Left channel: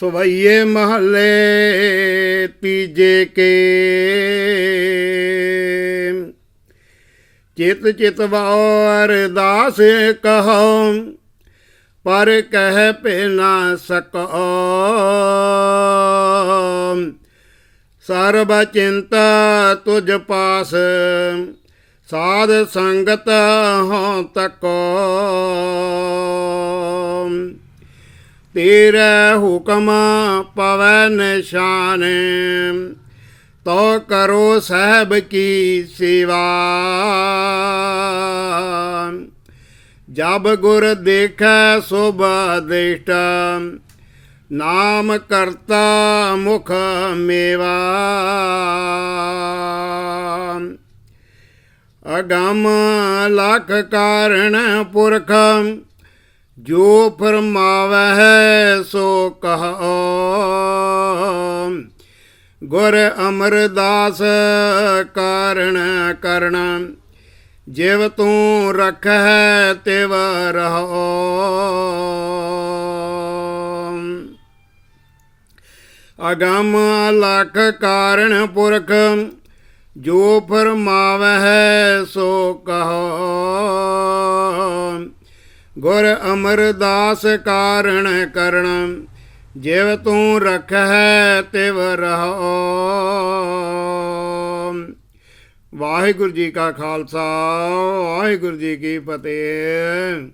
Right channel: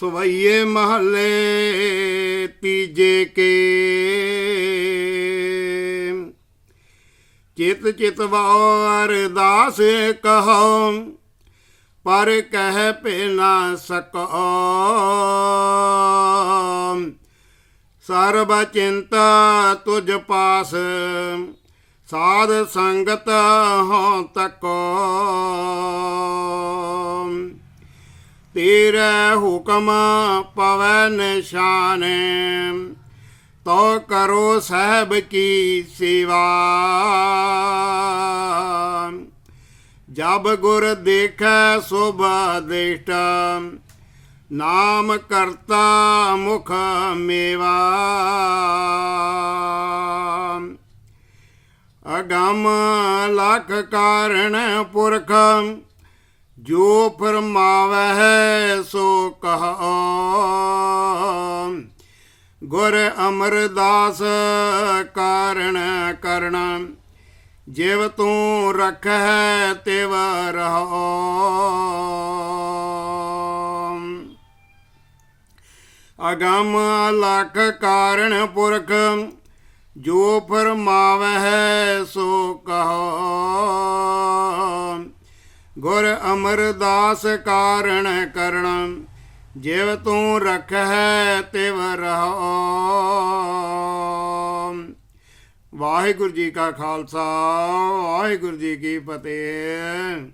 ਸਵਈਏ ਮਹੱਲੇ ਤੀਜੇ ਕੇ। ਚਿਤ ਚਿਤ ਵਾਰ ਦਾਸ ਕਹੋ, ਪਰ ਕਹਿ ਭੇ ਨਾ ਸਕੋ। ਸਰਬ ਚਿੰਤਾ ਤੁਝ ਪਾਸ, ਸਾਧ ਸੰਗਤ ਹੋ ਤਕੋ। ਤੇਰਾ ਹੁਕਮ ਪਵੈ ਨਿਸ਼ਾਨ। ਤੋ ਕਰੋ ਸਹਿਬ ਕੀ ਸੇਵਾ। ਜਬ ਗੁਰ ਦੇਖੈ ਸੋਭਾ ਦੇਟ ਨਾਮ ਕਰਤਾ ਮੁਖ ਮੇਵਾ। ਅਗਮ ਲਖ ਕਾਰਣ ਪੁਰਖ ਜੋ ਫਰਮਾਵਹਿ ਸੋ ਕਹੋ। ਗੁਰ ਅਮਰਦਾਸ ਕਾਰਣ ਕਰਣਾ ਜਿਵ ਤੂੰ ਰਖੈ ਤਿਵ ਰਹੋ। ਅਗਮ ਲਖ ਕਾਰਣ ਪੁਰਖ, ਜੋ ਫਰਮਾਵਹਿ ਸੋ ਕਹੋ। ਗੁਰ ਅਮਰਦਾਸ ਕਾਰਣ ਕਰਣ ਜਿਵ ਤੂੰ ਰਖੈ ਤਿਵ ਰਹੋ ਵਾਹਿਗੁਰੂ ਜੀ ਕਾ ਖਾਲਸਾ, ਵਾਹਿਗੁਰੂ ਜੀ ਕੀ ਫਤਿਹ।